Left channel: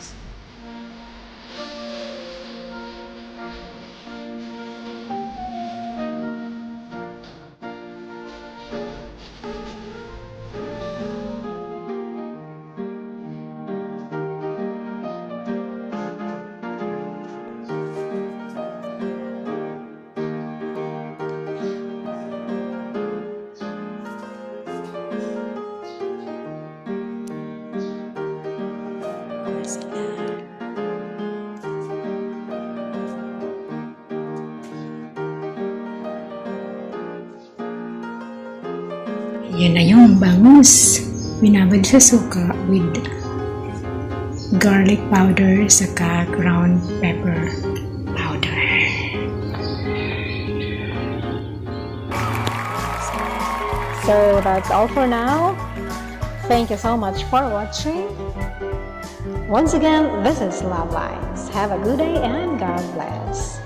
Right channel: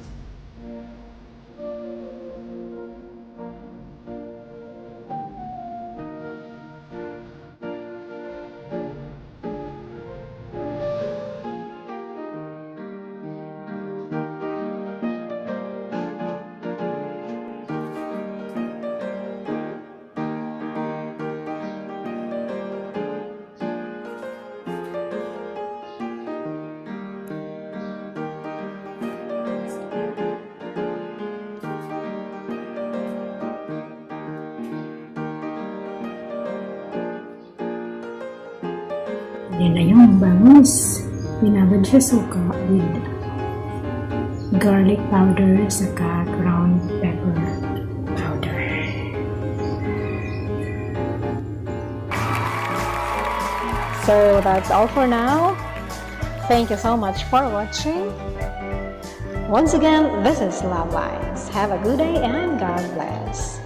lines. Yan na yung bangus. Binabad sa suka with garlic powder saka ground pepper powder. So that's all for now. Thank you so much for watching. Once again, this is Love Lines. Have a good day and God bless.